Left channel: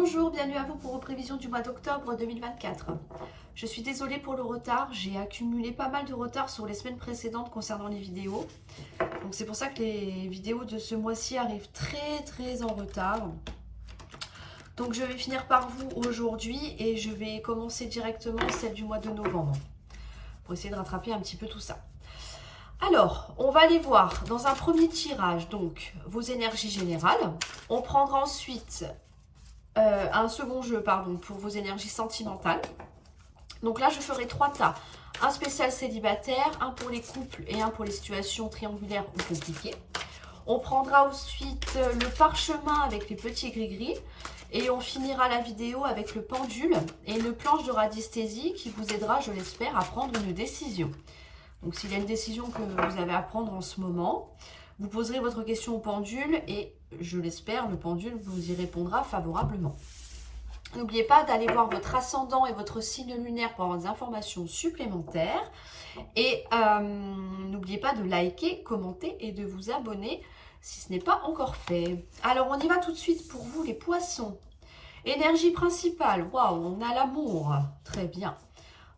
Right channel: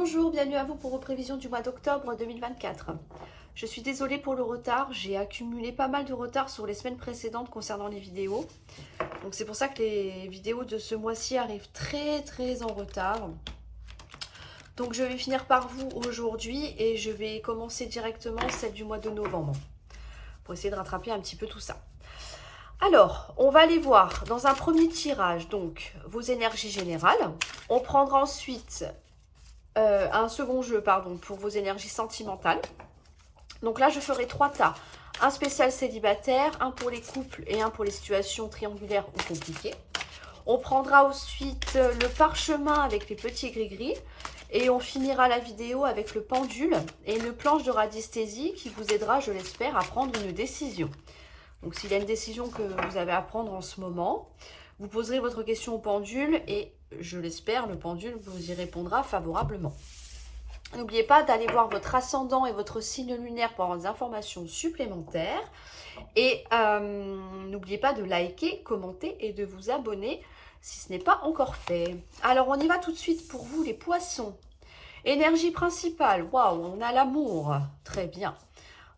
Bonjour, bienvenue à vous pour vos prévisions du mois d'octobre 2024. Je suis désolée pour le retard, j'ai accumulé pas mal de retard sur les semaines précédentes concernant les vidéos. Donc c'est pour ça que les vidéos de ce mois-ci arrivent très en retard. Donc je vais finir par vous aujourd'hui et je vais commencer directement celle du mois de novembre pour essayer de rattraper un petit peu tout ça. Alors, on va aller voir dans un premier tirage donc vos énergies générales. On prendra ensuite un second jeu pour vos énergies sentimentales. Donc là, je ferai 3 tas. Un spécial célibataire, un pour les couples et un pour les situations triangulaires ou compliquées. On prendra ensuite le parchemin avec les petits gris-gris. Et on finira la vidéo avec le pendule et une planche de radiesthésie qui vous aidera, je l'espère, à prendre une décision. Donc s'il y a une décision que vous avez à prendre en ce moment, vous poserez votre question au pendule et je l'espère, le pendule vous y répondra favorablement. N'oubliez pas d'aller voir votre ascendant et votre signe lunaire pour avoir des informations supplémentaires. Et n'oubliez pas de liker, commenter et de vous abonner si ce n'est pas encore fait. Alors, on y va tout de suite pour vous, les poissons. Énergie principale, waouh, on a l'amour, très bien.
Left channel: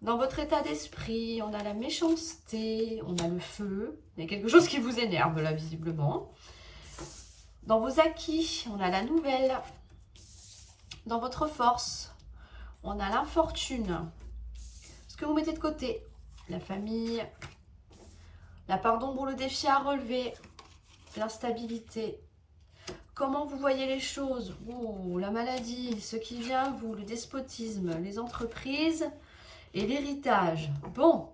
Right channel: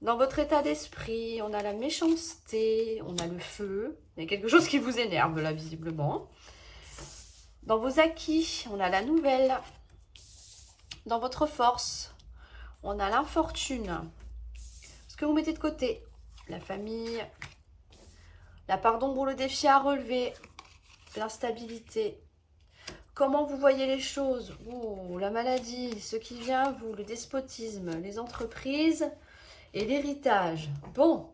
Dans votre état d'esprit, on a la méchanceté, on a le feu. Il y a quelque chose qui vous énerve là, visiblement. Dans vos acquis, on a la nouvelle. Dans votre force, on a l'infortune. Ce que vous mettez de côté, la famille, la part d'ombre, le défi à relever, l'instabilité. Comment vous voyez les choses? Oh, la maladie, ce qui vient à vous, le despotisme, les entreprises et l'héritage. Bon,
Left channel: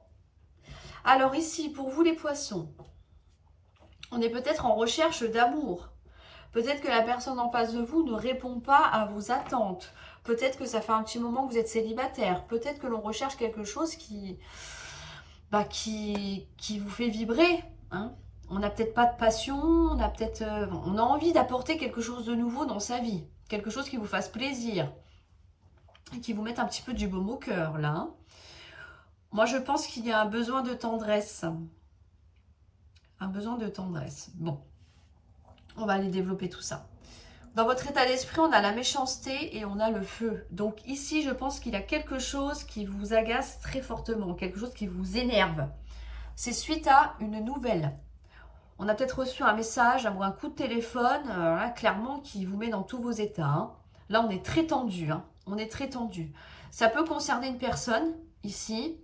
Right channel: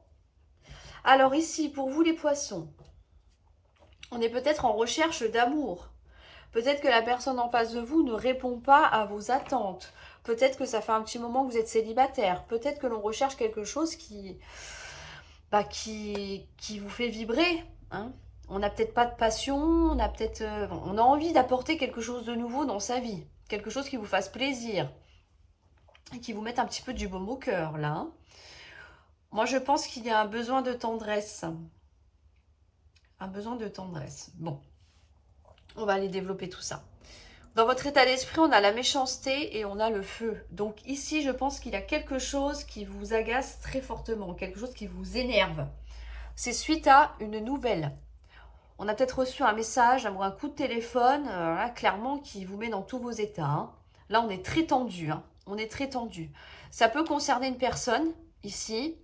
alors ici, pour vous les poissons, on est peut-être en recherche d'amour. Peut-être que la personne en face de vous ne répond pas à vos attentes. Peut-être que ça fait un petit moment que vous êtes célibataire. Peut-être que l'on recherche quelque chose qui vous fait vibrer. Hein. On n'a peut-être pas de passion, on a envie d'apporter quelque chose de nouveau dans sa vie. Quelque chose qui vous fasse plaisir. Et qui vous mette un petit peu du baume au cœur, là. Hein. Moi, je pense qu'il y a un besoin de tendresse. Un besoin de tendresse. Bon. On va aller développer tout ça. Dans votre état d'esprit, on a la méchanceté et on a le feu. Donc ici, je pense qu'il y a quelque chose qui vous agace très fortement, quelque chose qui vous énerve. C'est suite à une nouvelle. On a peut-être reçu un message ou un coup de téléphone, là, clairement, qui vous met dans tous vos états. Hein. Là, on est très tendu. Hein. On est très tendu. Ça peut concerner une personne, ici.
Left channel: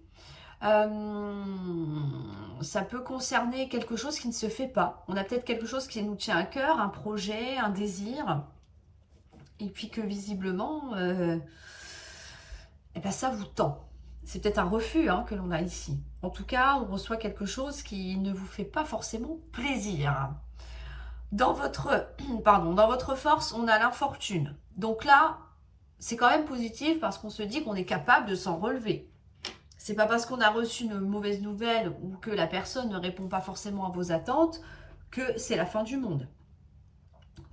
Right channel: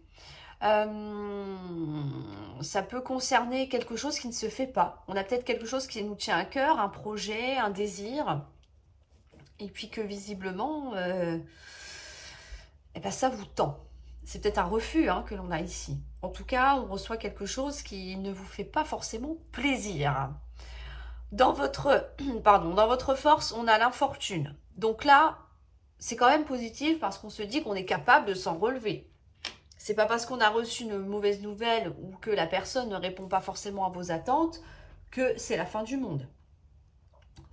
Ça peut concerner quelque chose qui ne se fait pas. On a peut-être quelque chose qui nous tient à cœur, un projet, un désir, et puis que visiblement, ça vous tend. C'est peut-être un refus que l'on a ici. En tout cas, on reçoit quelque chose qui ne vous fait pas forcément plaisir. Dans votre force, on a l'infortune. Donc là, c'est quand même positif parce qu'on se dit qu'on est capable de s'en relever. C'est pas parce qu'on a reçu une mauvaise nouvelle ou que la personne ne répond pas forcément à vos attentes que c'est la fin du monde.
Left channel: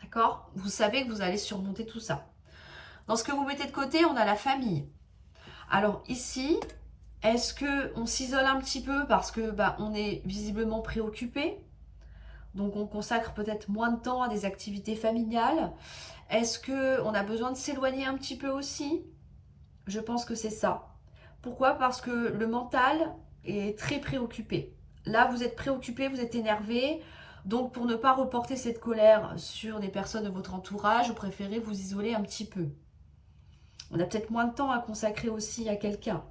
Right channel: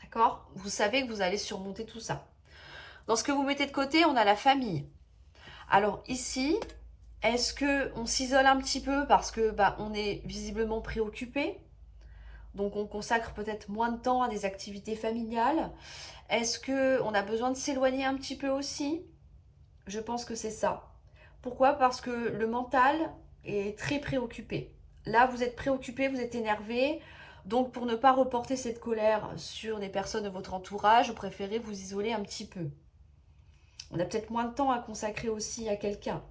D'accord? Vous savez que vous allez surmonter tout ça. Dans ce que vous mettez de côté, on a la famille. Alors ici, est-ce qu'on s'isole un petit peu parce que on est visiblement préoccupé? Donc on consacre peut-être moins de temps à des activités familiales. Est-ce qu'on a besoin de s'éloigner un petit peu aussi? Je pense que c'est ça. Pourquoi? Parce que le mental est très préoccupé. Là, vous êtes préoccupé, vous êtes énervé. Donc, pour ne pas reporter cette colère sur des personnes de votre entourage, vous préférez vous isoler un petit peu. On a peut-être moins de temps à consacrer aussi à quelqu'un.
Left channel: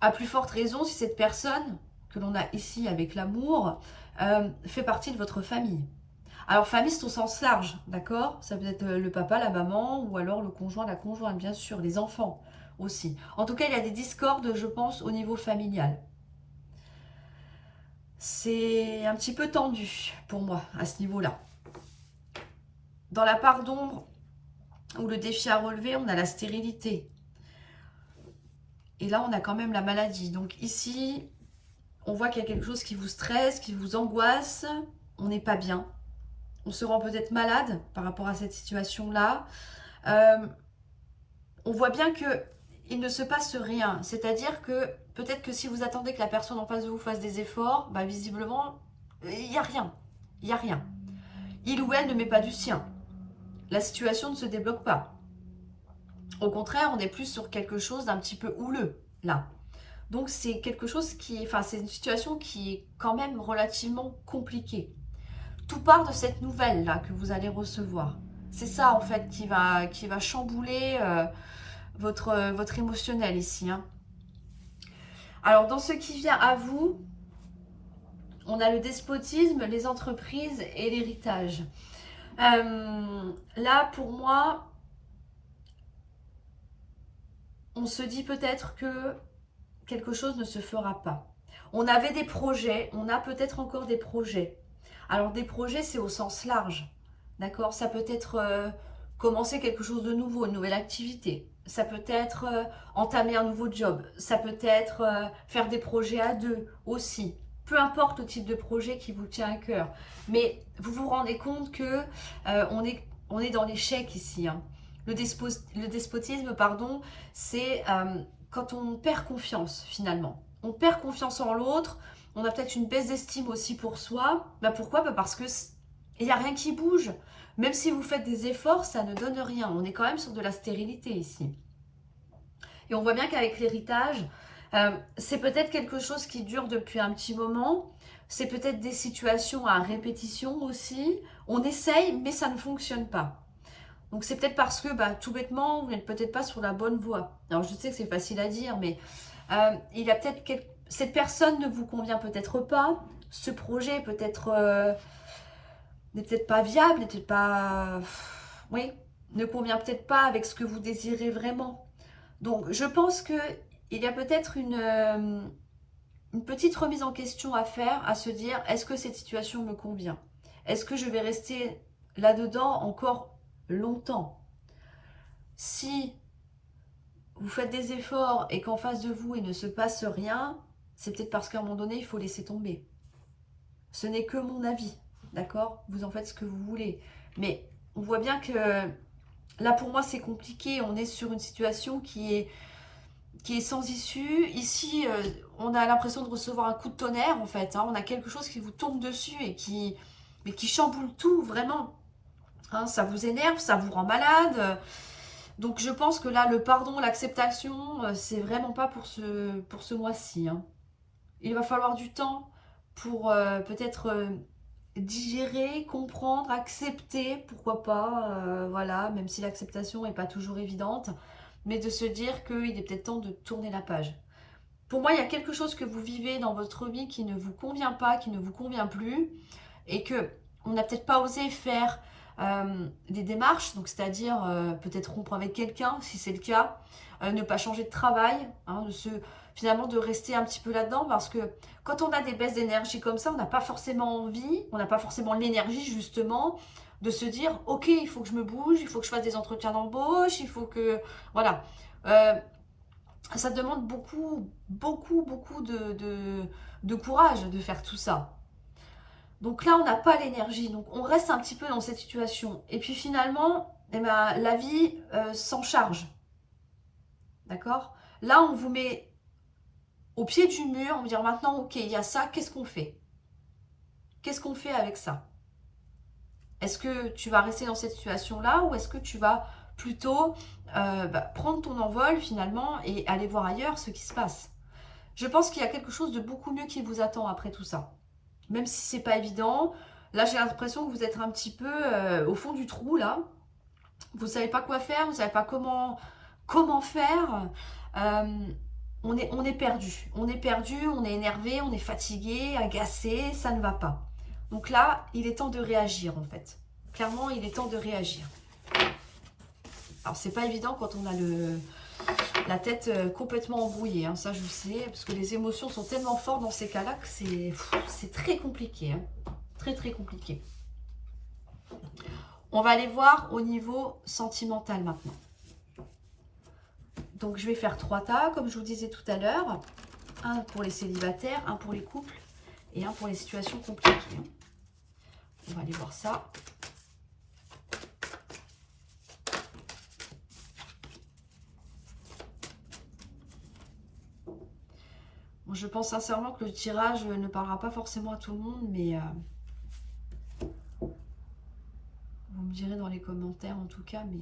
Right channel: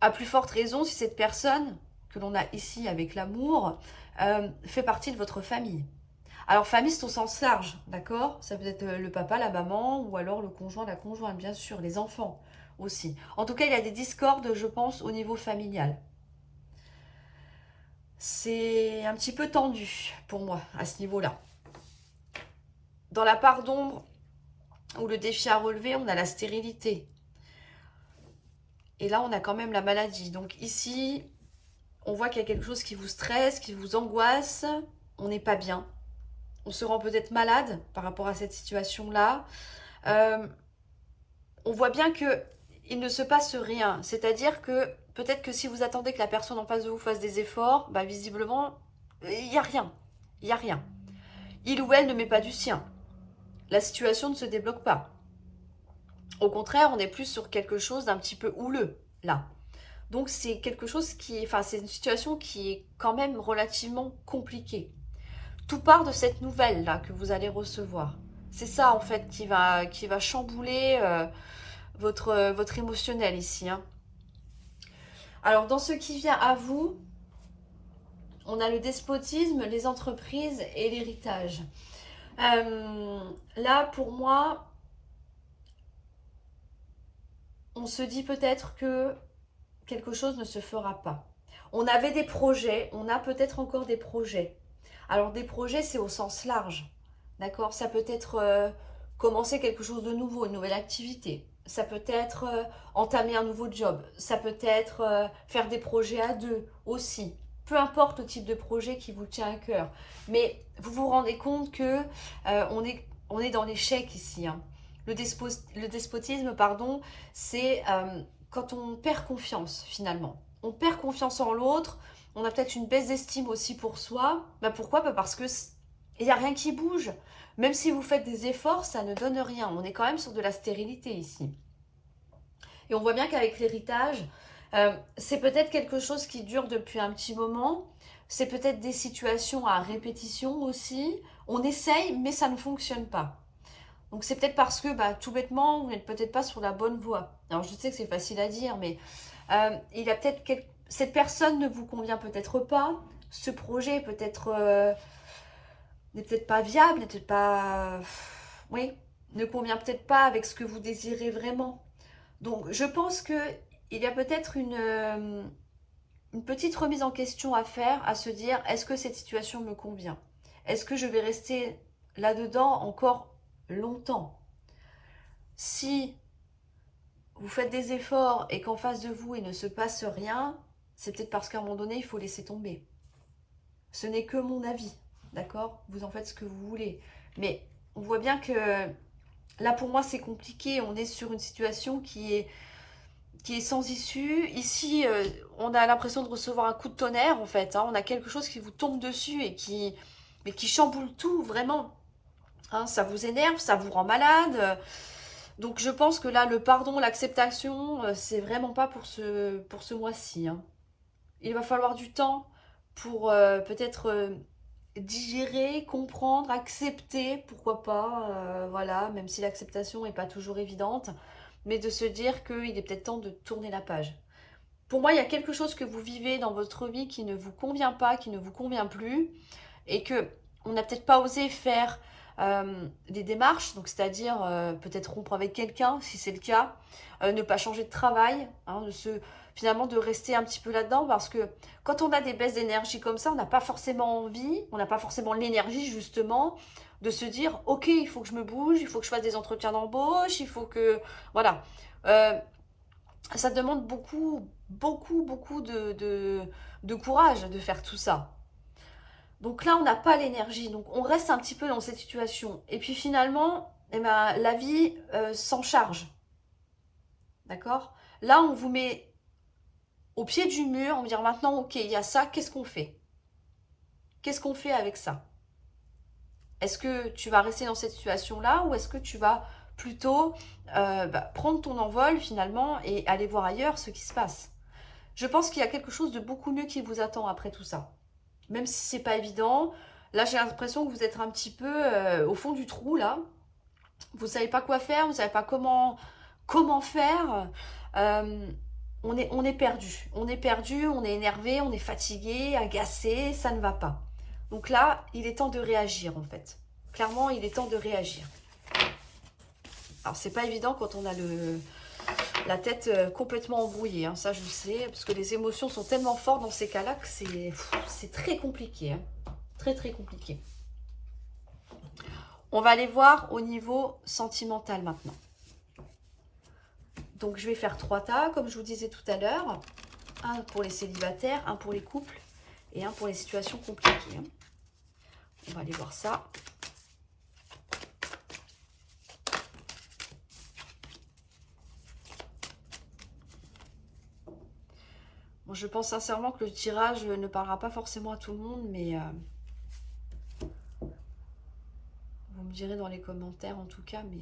À plus forte raison, si cette personne que l'on a ici avec l'amour fait partie de votre famille. Alors, famille, c'est au sens large, d'accord? Ça peut être le papa, la maman, ou alors le conjoint, la conjointe, bien sûr, les enfants aussi. En tout cas, il y a des discordes, je pense, au niveau familial. C'est un petit peu tendu pour moi, à ce niveau-là. Dans la part d'ombre, ou le défi à relever, on a la stérilité. Et là, on a quand même la maladie. Donc ici, on voit qu'il y a quelque chose qui vous stresse, qui vous angoisse. On n'est pas bien. On se rend peut-être malade par rapport à cette situation-là. On voit bien qu'il ne se passe rien. C'est-à-dire que peut-être que si vous attendez que la personne en face de vous fasse des efforts, visiblement, il n'y a rien. Il n'y a rien. Il ou elle ne met pas du sien. la situation ne se débloque pas. Au contraire, on est plus sur quelque chose d'un petit peu houleux, là. Donc c'est quelque chose c'est une situation qui est quand même relativement compliquée. Tout part de cette nouvelle là que vous allez recevoir. C'est ça en fait qui va chambouler votre émotionnel ici, hein. Alors dans ce qui vient à vous, on a le despotisme, les entreprises et l'héritage. Là pour moi, on se dit peut-être que quelque chose ne se fera pas. On avait des projets, on a peut-être encore des projets. Alors des projets, c'est au sens large, d'accord? Ça peut être commencer quelque chose de nouveau, une nouvelle activité. Ça peut être entamer un nouveau job. Ça peut être faire des projets à deux aussi. Peu importe le type de projet qui vous tient à cœur. Mais vous vous rendez compte que on est dans l'échec ici, hein. Le despotisme, pardon, c'est quand on perd confiance finalement. On perd confiance en l'autre, on a peut-être une baisse d'estime aussi pour soi. Bah pourquoi? Bah parce que il n'y a rien qui bouge. Même si vous faites des efforts, ça ne donne rien. On est quand même sur de la stérilité ici. Et on voit bien qu'avec l'héritage, c'est peut-être quelque chose qui dure depuis un petit moment. C'est peut-être des situations à répétition aussi. On essaye, mais ça ne fonctionne pas. Donc c'est peut-être parce que bah, tout bêtement, vous n'êtes peut-être pas sur la bonne voie. Alors je sais que c'est facile à dire, mais il y a peut-être cette personne ne vous convient peut-être pas. Ce projet peut-être n'est peut-être pas viable, n'est peut-être pas, oui, ne convient peut-être pas avec ce que vous désirez vraiment. Donc je pense que il y a peut-être une petite remise en question à faire, à se dire est-ce que cette situation me convient? Est-ce que je vais rester là-dedans encore longtemps? Si vous faites des efforts et qu'en face de vous, il ne se passe rien, c'est peut-être parce qu'à un moment donné, il faut laisser tomber. Ce n'est que mon avis, d'accord? Vous en faites ce que vous voulez. Mais on voit bien que là, pour moi, c'est compliqué. On est sur une situation qui est sans issue. Ici, on a l'impression de recevoir un coup de tonnerre, en fait, hein. On a quelque chose qui vous tombe dessus mais qui chamboule tout, vraiment, hein. Ça vous énerve, ça vous rend malade. Donc je pense que là, le pardon, l'acceptation, c'est vraiment pas pour ce mois-ci, hein. Il va falloir du temps pour peut-être digérer, comprendre, accepter, pourquoi pas, voilà, même si l'acceptation n'est pas toujours évidente, mais de se dire qu'il est peut-être temps de tourner la page. Pour moi, il y a quelque chose que vous vivez dans votre vie qui ne vous convient pas, qui ne vous convient plus, et que on n'a peut-être pas osé faire des démarches, donc c'est-à-dire peut-être rompre avec quelqu'un si c'est le cas, ne pas changer de travail, hein, finalement de rester un petit peu là-dedans, parce que quand on a des baisses d'énergie comme ça, on n'a pas forcément envie, on n'a pas forcément l'énergie justement de se dire ok, il faut que je me bouge, il faut que je fasse des entretiens d'embauche, il faut que voilà. Ça demande beaucoup de courage de faire tout ça. Donc là, on n'a pas l'énergie. Donc on reste un petit peu dans cette situation. Et puis finalement, eh ben, la vie s'en charge. D'accord? Là, on vous met au pied du mur. On va dire maintenant, ok, il y a ça, qu'est-ce qu'on fait? Qu'est-ce qu'on fait avec ça? Est-ce que tu vas rester dans cette situation-là ou est-ce que tu vas plutôt prendre ton envol finalement et aller voir ailleurs ce qui se passe? Je pense qu'il y a quelque chose de beaucoup mieux qui vous attend après tout ça. Même si c'est pas évident. Là, j'ai l'impression que vous êtes un petit peu au fond du trou, là. Vous savez pas quoi faire, vous savez pas comment faire. Euh, on est perdu. On est perdu, on est énervé, on est fatigué, agacé, ça ne va pas. Donc là, il est temps de réagir, en fait. Clairement, il est temps de réagir. Alors, c'est pas évident quand on a la tête complètement embrouillée, hein, ça je sais, parce que les émotions sont tellement fortes dans ces cas-là que c'est très compliqué, hein, très très compliqué. On va aller voir au niveau sentimental maintenant. Donc je vais faire 3 tas, comme je vous disais tout à l'heure. Un pour les célibataires, un pour les couples et un pour les situations compliquées. On va aller voir ça. Bon, je pense sincèrement que le tirage ne parlera pas forcément à tout le monde, mais vous me me direz dans les commentaires en tout cas, mais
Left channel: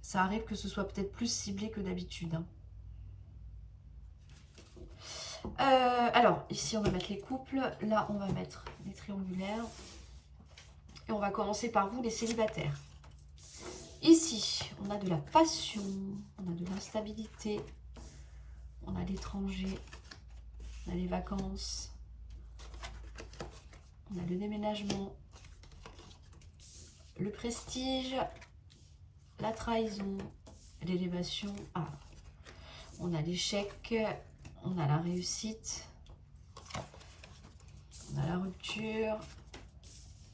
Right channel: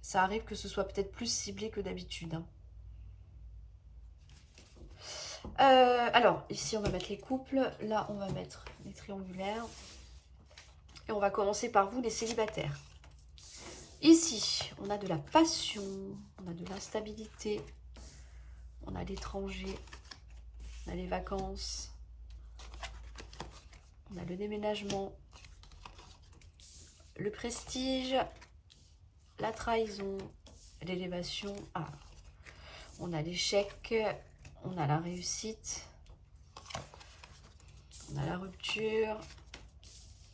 ça arrive que ce soit peut-être plus ciblé que d'habitude. Hein. Alors, ici, on va mettre les couples. Là, on va mettre les triangulaires. Et on va commencer par vous, les célibataires. Ici, on a de la passion, on a de l'instabilité, on a l'étranger, on a les vacances, on a le déménagement, le prestige, la trahison, l'élévation. Ah, on a l'échec, on a la réussite, on a la rupture,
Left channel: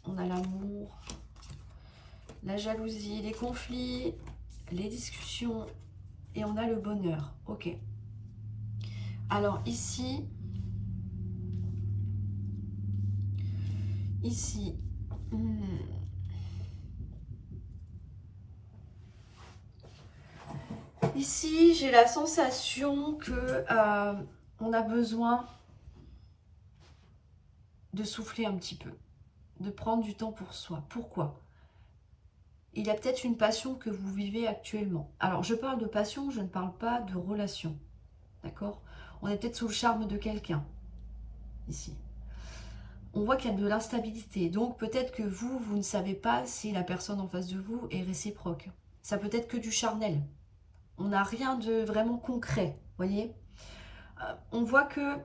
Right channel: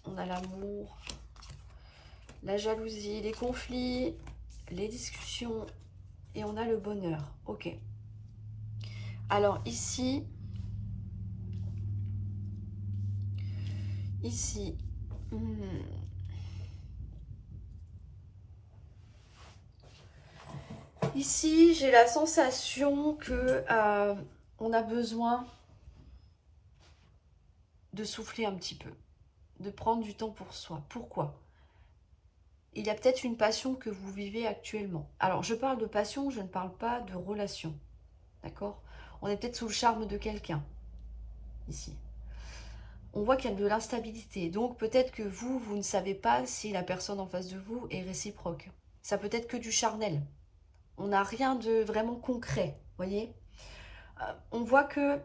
on a l'amour, la jalousie, les conflits, les discussions et on a le bonheur. Ok. Alors ici, ici j'ai la sensation que on a besoin de souffler un petit peu, de prendre du temps pour soi. Pourquoi ? Il y a peut-être une passion que vous vivez actuellement. Alors, je parle de passion, je ne parle pas de relation. D'accord ? On est peut-être sous le charme de quelqu'un, ici. On voit qu'il y a de l'instabilité. Donc, peut-être que vous ne savez pas si la personne en face de vous est réciproque. Ça peut être que du charnel. On n'a rien de vraiment concret, voyez ? On voit que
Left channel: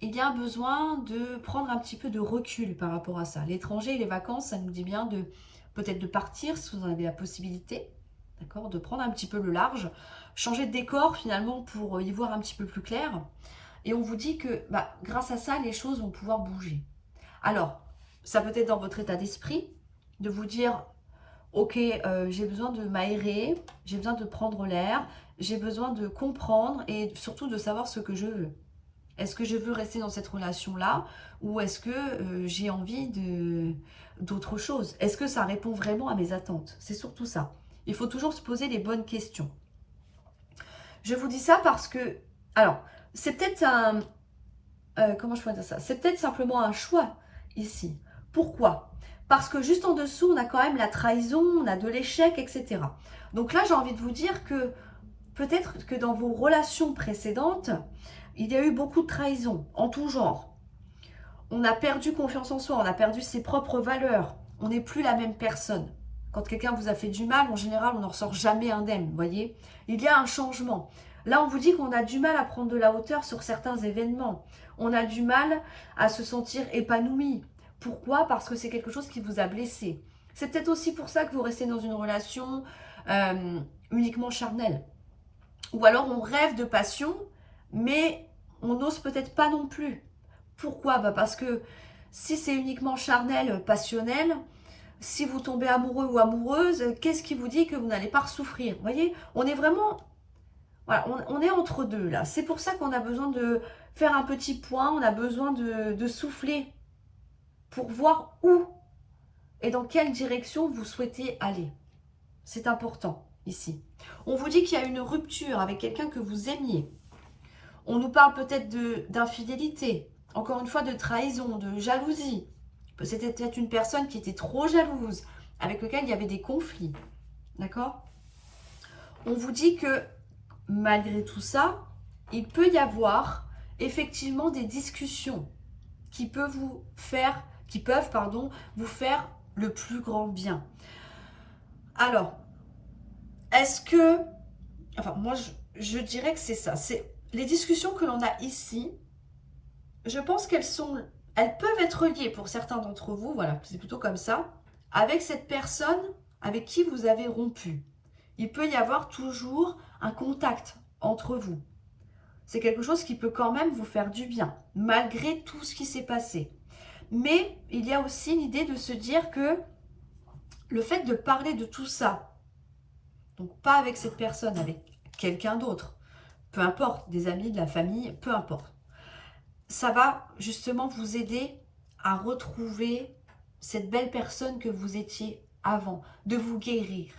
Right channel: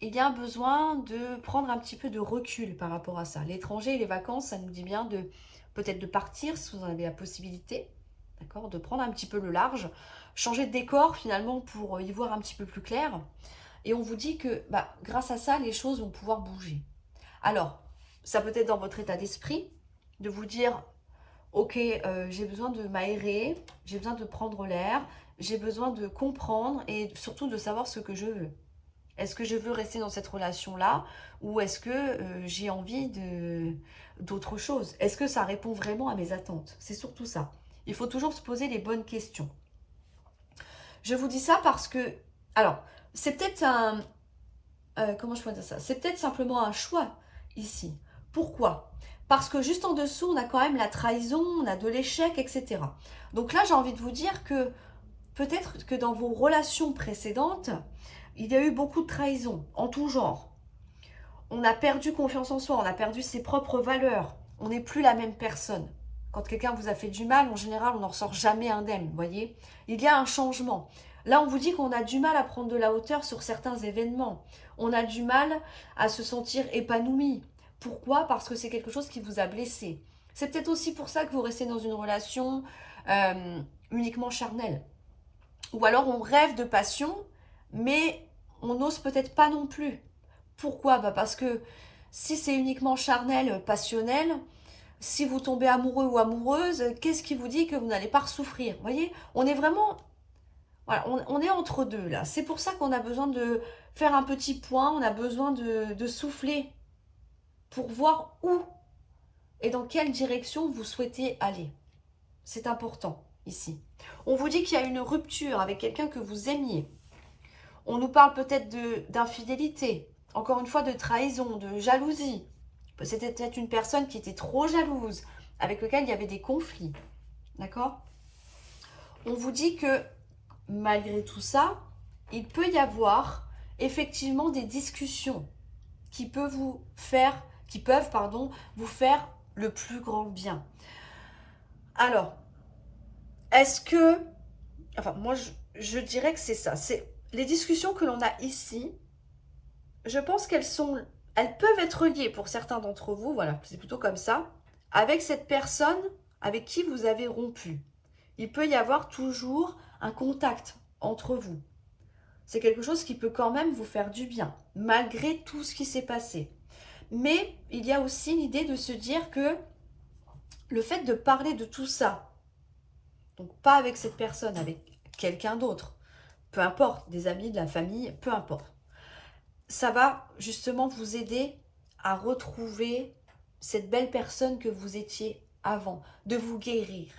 il y a un besoin de prendre un petit peu de recul par rapport à ça. L'étranger et les vacances, ça nous dit bien de peut-être de partir si vous en avez la possibilité, d'accord, de prendre un petit peu le large, changer de décor finalement pour y voir un petit peu plus clair. Et on vous dit que grâce à ça, les choses vont pouvoir bouger. Alors, ça peut être dans votre état d'esprit, de vous dire, ok, j'ai besoin de m'aérer, j'ai besoin de prendre l'air, j'ai besoin de comprendre et surtout de savoir ce que je veux. Est-ce que je veux rester dans cette relation-là ou est-ce que j'ai envie d'autre chose? Est-ce que ça répond vraiment à mes attentes? C'est surtout ça. Il faut toujours se poser les bonnes questions. Je vous dis ça parce que, alors, c'est peut-être un... comment je pourrais dire ça? C'est peut-être simplement un choix ici. Pourquoi? Parce que juste en dessous, on a quand même la trahison, on a de l'échec, etc. Donc là, j'ai envie de vous dire que peut-être que dans vos relations précédentes, il y a eu beaucoup de trahison, en tout genre. On a perdu confiance en soi, on a perdu ses propres valeurs. On n'est plus la même personne. Quand quelqu'un vous a fait du mal, en général, on n'en ressort jamais indemne, vous voyez. Il y a un changement. Là, on vous dit qu'on a du mal à prendre de la hauteur sur certains événements. On a du mal à se sentir épanoui. Pourquoi? Parce que c'est quelque chose qui vous a blessé. C'est peut-être aussi pour ça que vous restez dans une relation uniquement charnelle. Ou alors, on rêve de passion, mais on n'ose peut-être pas non plus. Pourquoi? Parce que si c'est uniquement charnel, passionnel, si vous tombez amoureux ou amoureuse, qu'est-ce qui vous dit que vous n'allez pas souffrir? Vous voyez, on est vraiment... Voilà, on est entre deux là. C'est pour ça qu'on a besoin de faire un petit point, on a besoin de souffler pour voir où et dans quelle direction vous souhaitez aller. C'est important ici. On vous dit qu'il y a une rupture avec quelqu'un que vous aimiez. On nous parle peut-être d'infidélité, encore une fois de trahison, de jalousie. C'était peut-être une personne qui était trop jalouse, avec laquelle il y avait des conflits. D'accord? On vous dit que malgré tout ça, il peut y avoir effectivement des discussions qui peuvent vous faire le plus grand bien. Alors, est-ce que... Enfin, moi, je dirais que c'est ça. C'est les discussions que l'on a ici, je pense elles peuvent être liées pour certains d'entre vous, voilà, c'est plutôt comme ça, avec cette personne avec qui vous avez rompu. Il peut y avoir toujours un contact entre vous. C'est quelque chose qui peut quand même vous faire du bien, malgré tout ce qui s'est passé. Mais il y a aussi l'idée de se dire que le fait de parler de tout ça, donc pas avec cette personne, avec quelqu'un d'autre, peu importe, des amis, de la famille, peu importe, ça va justement vous aider à retrouver cette belle personne que vous étiez avant, de vous guérir.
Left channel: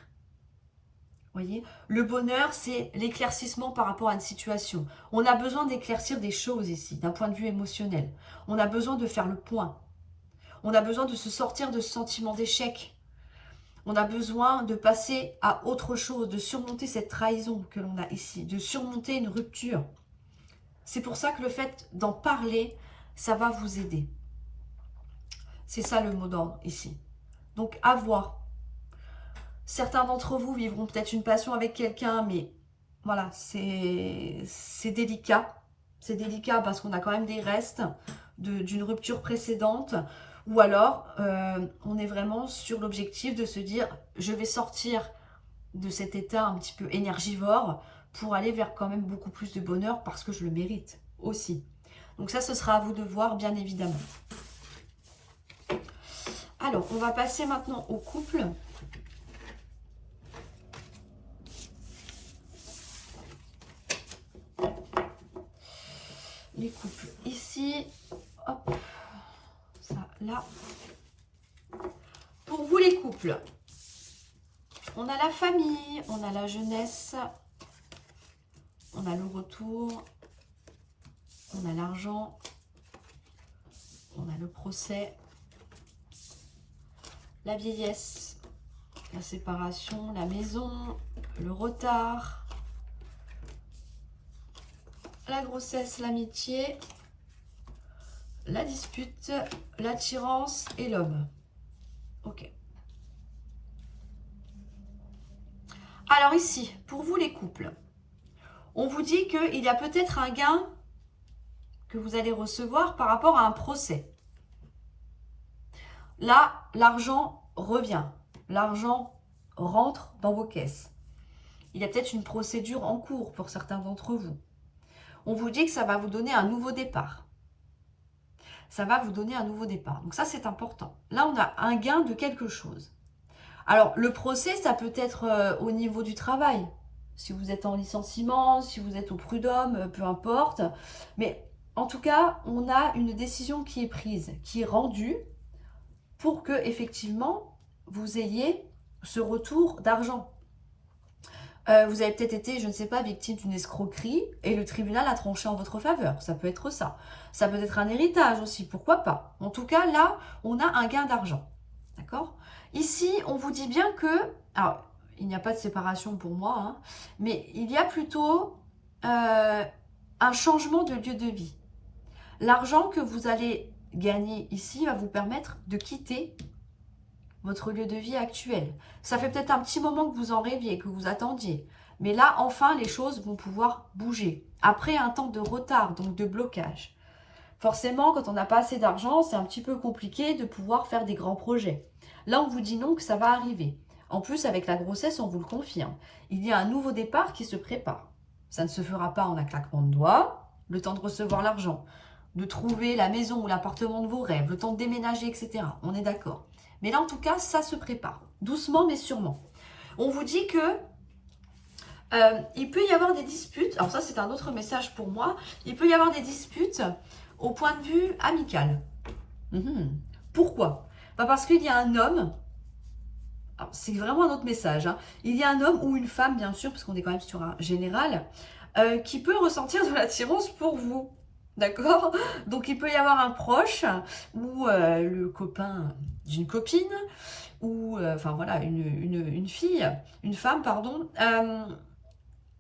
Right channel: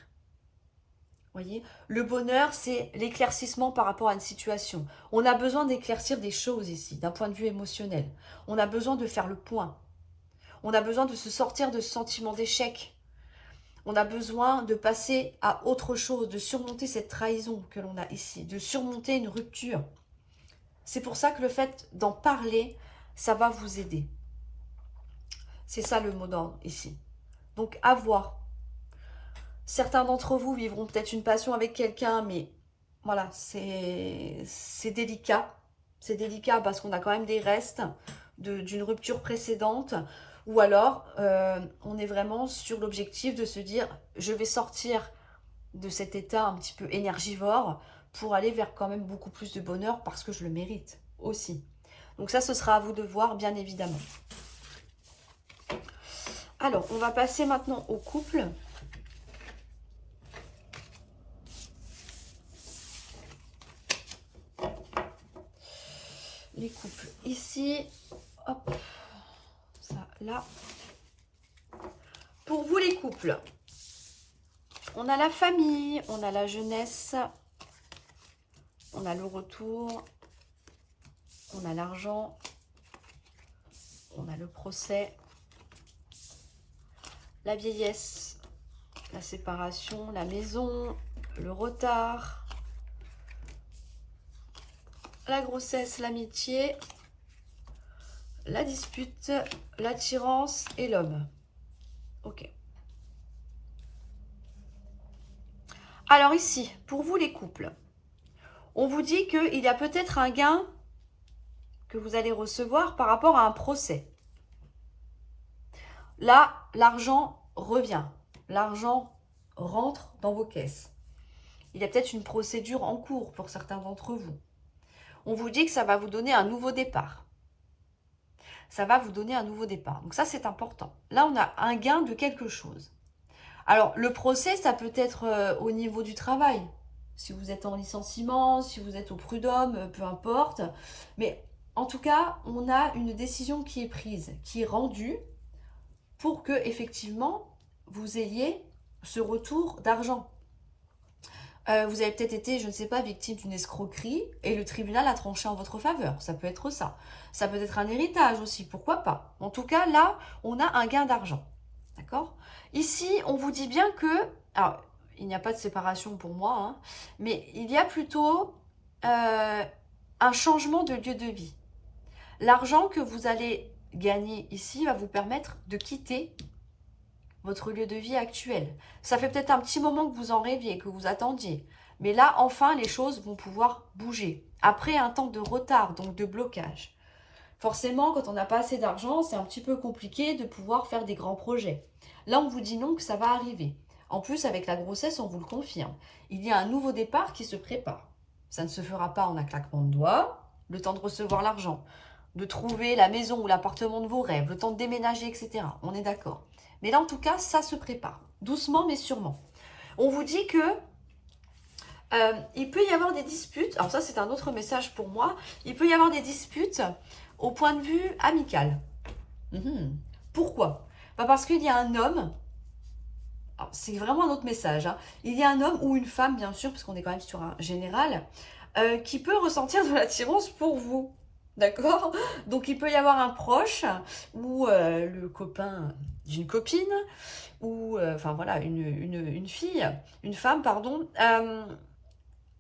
Voyez, le bonheur, c'est l'éclaircissement par rapport à une situation. On a besoin d'éclaircir des choses ici, d'un point de vue émotionnel. On a besoin de faire le point. On a besoin de se sortir de ce sentiment d'échec, On a besoin de passer à autre chose, de surmonter cette trahison que l'on a ici, de surmonter une rupture. C'est pour ça que le fait d'en parler, ça va vous aider. C'est ça le mot d'ordre ici. Donc, à voir. Certains d'entre vous vivront peut-être une passion avec quelqu'un, mais voilà, c'est délicat. C'est délicat parce qu'on a quand même des restes d'une rupture précédente. Ou alors, on est vraiment sur l'objectif de se dire, je vais sortir de cet état un petit peu énergivore pour aller vers quand même beaucoup plus de bonheur parce que je le mérite aussi. Donc ça, ce sera à vous de voir, bien évidemment. Alors, on va passer maintenant au couple. Les couples ici, hop, ça là. Pour vous les couples, on a la famille, on a la jeunesse, on a le retour, on a l'argent, on a le procès, la vieillesse, la séparation, la maison, le retard, la grossesse, l'amitié, la dispute, l'attirance et l'homme. Ok. Alors ici, pour vous les couples, on vous dit qu'il y a peut-être un gain que vous allez recevoir par rapport à un procès. Là, l'argent revient. L'argent rentre dans vos caisses. Il y a peut-être une procédure en cours pour certains d'entre vous. On vous dit que ça va vous donner un nouveau départ. Ça va vous donner un nouveau départ. Donc ça, c'est important. Là, on a un gain de quelque chose. Alors, le procès, ça peut être au niveau du travail. Si vous êtes en licenciement, si vous êtes au prud'homme, peu importe. Mais en tout cas, on a une décision qui est prise, qui est rendue pour que, effectivement, vous ayez ce retour d'argent. Vous avez peut-être été, je ne sais pas, victime d'une escroquerie et le tribunal a tranché en votre faveur. Ça peut être ça. Ça peut être un héritage aussi, pourquoi pas. En tout cas, là, on a un gain d'argent. D'accord ? Ici, on vous dit bien que... Alors, il n'y a pas de séparation pour moi, hein, mais il y a plutôt un changement de lieu de vie. L'argent que vous allez gagner ici va vous permettre de quitter votre lieu de vie actuel. Ça fait peut-être un petit moment que vous en rêviez, que vous attendiez. Mais là, enfin, les choses vont pouvoir bouger. Après un temps de retard, donc de blocage. Forcément, quand on n'a pas assez d'argent, c'est un petit peu compliqué de pouvoir faire des grands projets. Là, on vous dit non, que ça va arriver. En plus, avec la grossesse, on vous le confirme. Il y a un nouveau départ qui se prépare. Ça ne se fera pas en un claquement de doigts, le temps de recevoir l'argent, de trouver la maison ou l'appartement de vos rêves, le temps de déménager, etc. On est d'accord. Mais là, en tout cas, ça se prépare. Doucement, mais sûrement. On vous dit que il peut y avoir des disputes. Alors ça, c'est un autre message pour moi. Il peut y avoir des disputes au point de vue amical. Pourquoi? Parce qu'il y a un homme. C'est vraiment un autre message. Hein. Il y a un homme ou une femme, bien sûr, parce qu'on est quand même sur un général, qui peut ressentir de l'attirance pour vous. D'accord? Donc, il peut y avoir un proche ou le copain d'une copine ou, enfin voilà, une fille, une femme, pardon,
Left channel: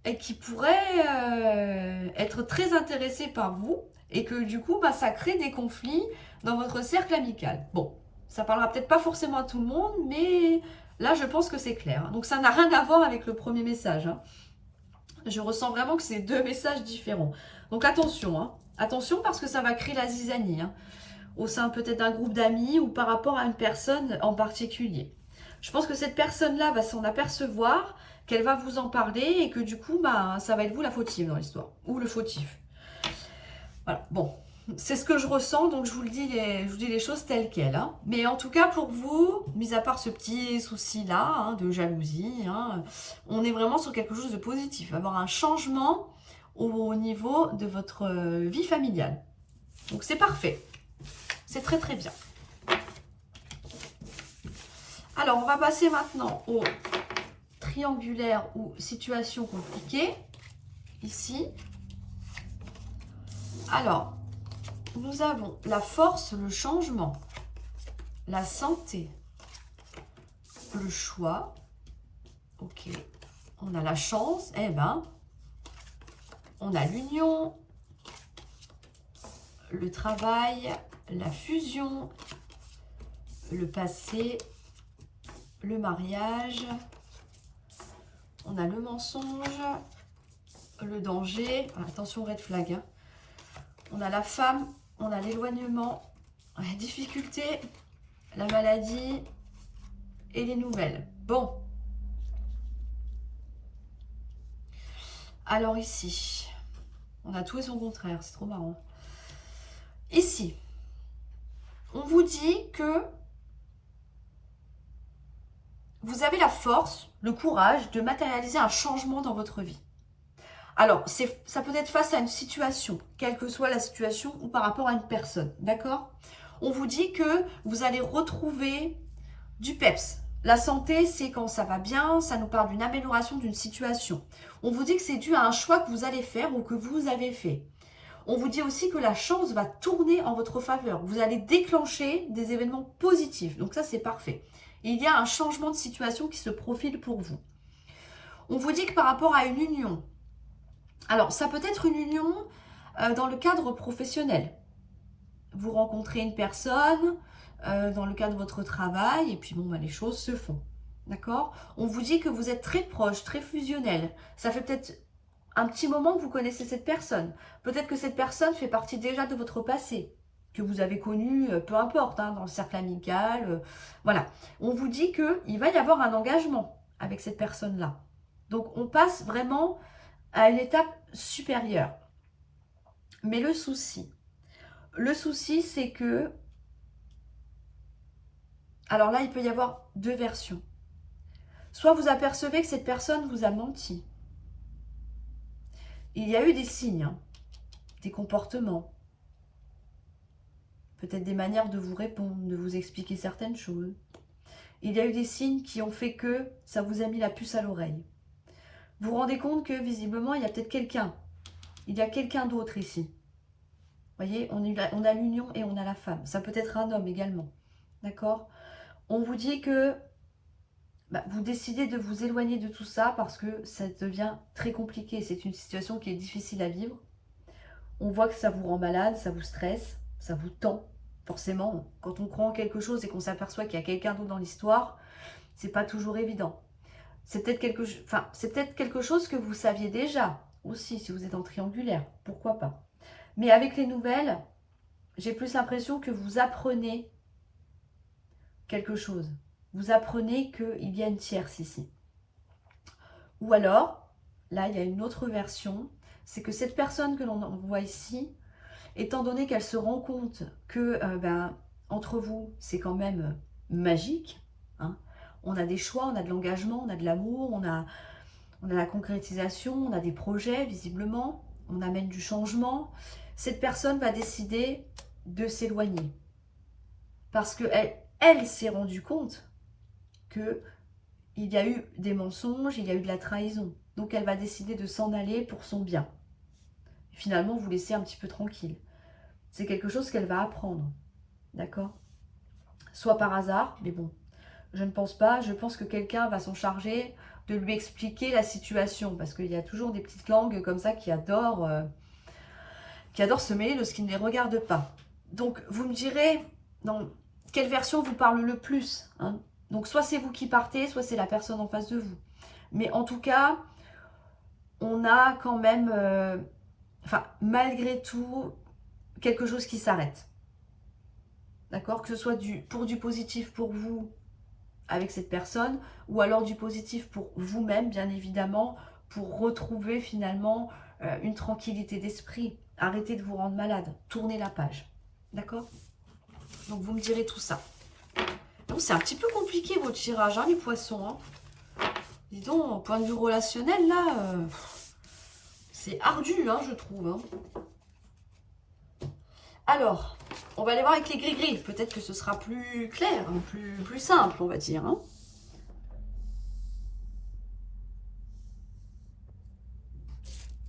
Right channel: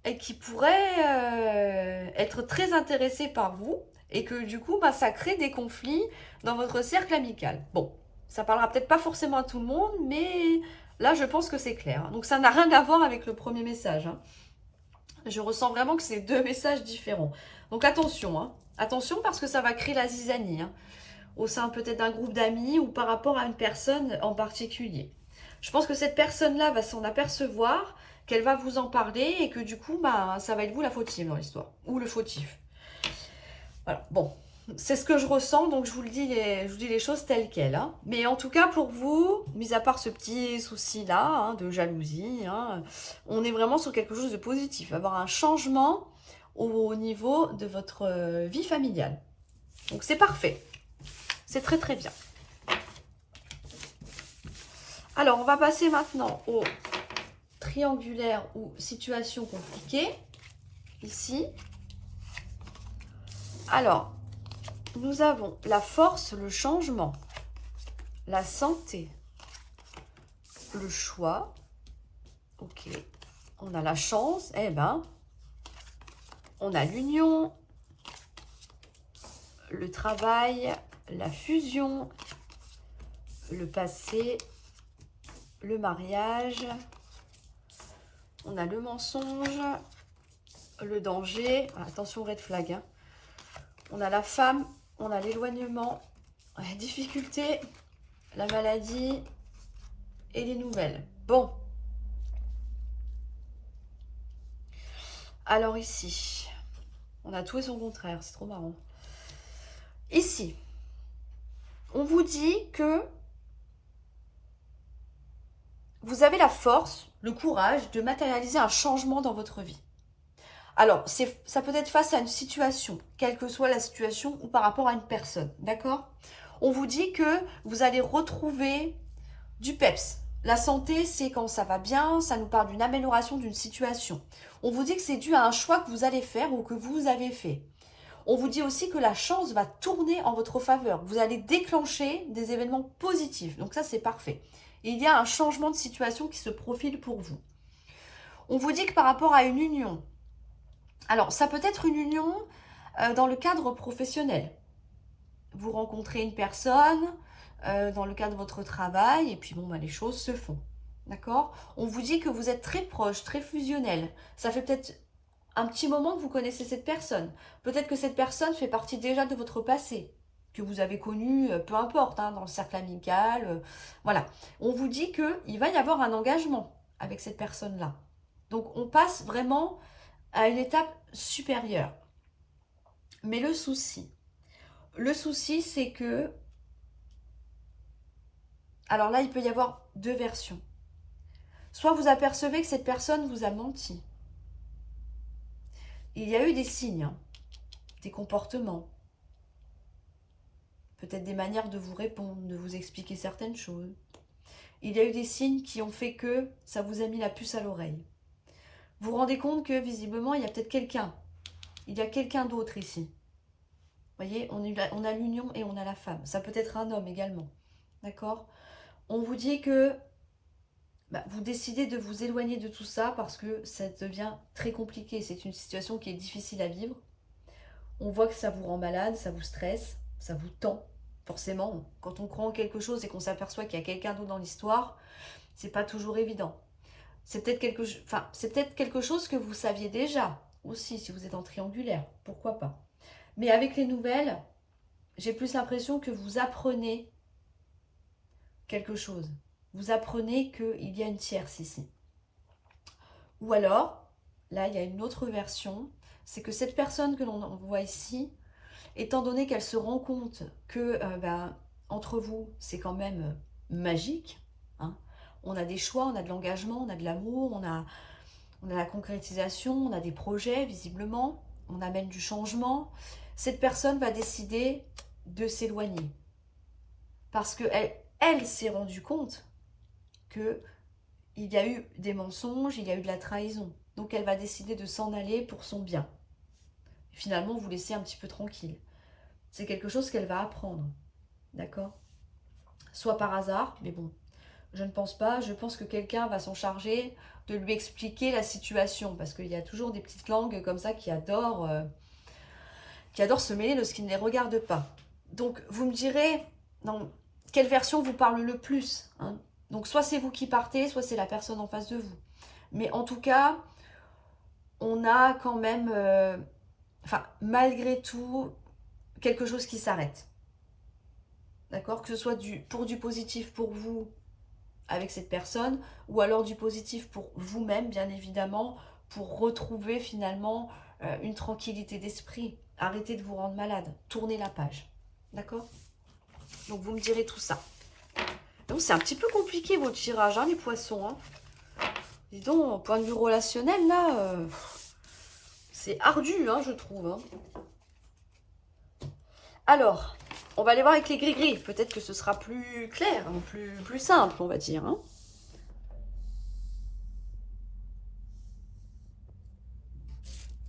et qui pourrait être très intéressée par vous et que du coup, bah, ça crée des conflits dans votre cercle amical. Bon, ça parlera peut-être pas forcément à tout le monde, mais là, je pense que c'est clair. Donc, ça n'a rien à voir avec le premier message. Hein. Je ressens vraiment que c'est deux messages différents. Donc, attention, hein. Attention parce que ça va créer la zizanie, hein, au sein peut-être d'un groupe d'amis ou par rapport à une personne en particulier. Je pense que cette personne-là va s'en apercevoir, qu'elle va vous en parler et que du coup, bah, ça va être vous la fautive dans l'histoire, ou le fautif. Voilà, bon, c'est ce que je ressens, donc je vous dis les choses telles quelles. Hein. Mais en tout cas, pour vous, mis à part ce petit souci-là, hein, de jalousie, hein, on est vraiment sur quelque chose de positif. Avoir un changement au niveau de votre vie familiale. Donc c'est parfait. C'est très très bien. Alors, on va passer maintenant au triangulaire ou situation compliquée. Ici. Alors, nous avons la force, le changement, la santé, le choix. Ok. On a la chance. Eh ben, on a l'union, le travail, la fusion, le passé, le mariage. On a le mensonge, le danger. Attention, red flag. Hein. On a la femme, on a l'éloignement, la difficulté, la maladie et les nouvelles. Bon. Alors ici, on a tout et son contraire. C'est trop marrant. Ici, on vous dit que vous avez la force, le courage de matérialiser un changement dans votre vie. Alors, ça peut être face à une situation, quelle que soit la situation, ou par rapport à une personne, d'accord? On vous dit que vous allez retrouver du peps. La santé, c'est quand ça va bien, ça nous parle d'une amélioration d'une situation. On vous dit que c'est dû à un choix que vous allez faire ou que vous avez fait. On vous dit aussi que la chance va tourner en votre faveur. Vous allez déclencher des événements positifs. Donc ça, c'est parfait. Il y a un changement de situation qui se profile pour vous. On vous dit que par rapport à une union, alors ça peut être une union dans le cadre professionnel. Vous rencontrez une personne dans le cadre de votre travail et puis bon, les choses se font. D'accord? On vous dit que vous êtes très proche, très fusionnel. Ça fait peut-être un petit moment que vous connaissez cette personne. Peut-être que cette personne fait partie déjà de votre passé, que vous avez connu, peu importe, hein, dans le cercle amical. Voilà. On vous dit qu'il va y avoir un engagement avec cette personne-là. Donc, on passe vraiment à une étape supérieure. Mais le souci, c'est que... Alors là, il peut y avoir deux versions. Soit vous apercevez que cette personne vous a menti. Il y a eu des signes, hein, des comportements, peut-être des manières de vous répondre, de vous expliquer certaines choses. Il y a eu des signes qui ont fait que ça vous a mis la puce à l'oreille. Vous vous rendez compte que visiblement, il y a peut-être quelqu'un. Il y a quelqu'un d'autre ici. Vous voyez, on a l'union et on a la femme. Ça peut être un homme également. D'accord? On vous dit que vous décidez de vous éloigner de tout ça parce que ça devient très compliqué. C'est une situation qui est difficile à vivre. On voit que ça vous rend malade, ça vous stresse, ça vous tend. Forcément, quand on croit en quelque chose et qu'on s'aperçoit qu'il y a quelqu'un d'autre dans l'histoire, c'est pas toujours évident. C'est peut-être quelque chose que vous saviez déjà aussi, si vous êtes en triangulaire, pourquoi pas. Mais avec les nouvelles, j'ai plus l'impression que vous apprenez quelque chose. Vous apprenez qu'il y a une tierce ici. Ou alors, là, il y a une autre version, c'est que cette personne que l'on voit ici, étant donné qu'elle se rend compte que entre vous, c'est quand même magique, hein, on a des choix, on a de l'engagement, on a de l'amour, on a la concrétisation, on a des projets visiblement, on amène du changement. Cette personne va décider de s'éloigner parce qu'elle s'est rendue compte qu'il y a eu des mensonges, il y a eu de la trahison. Donc elle va décider de s'en aller pour son bien. Finalement, vous laissez un petit peu tranquille. C'est quelque chose qu'elle va apprendre. D'accord? Soit par hasard, mais bon, je ne pense pas. Je pense que quelqu'un va s'en charger de lui expliquer la situation. Parce qu'il y a toujours des petites langues comme ça qui adorent se mêler de ce qui ne les regarde pas. Donc, vous me direz, dans quelle version vous parle le plus, hein? Donc, soit c'est vous qui partez, soit c'est la personne en face de vous. Mais en tout cas, on a quand même, malgré tout, quelque chose qui s'arrête. D'accord? Que ce soit pour du positif pour vous avec cette personne, ou alors du positif pour vous-même, bien évidemment, pour retrouver finalement une tranquillité d'esprit. Arrêtez de vous rendre malade. Tournez la page. D'accord? Donc, vous me direz tout ça. Donc, c'est un petit peu compliqué, votre tirage, hein, les poissons. Hein. Dis donc, au point de vue relationnel, là, c'est ardu, hein, je trouve. Hein. Alors, on va aller voir avec les gris-gris. Peut-être que ce sera plus clair, hein, plus simple, on va dire. Hein.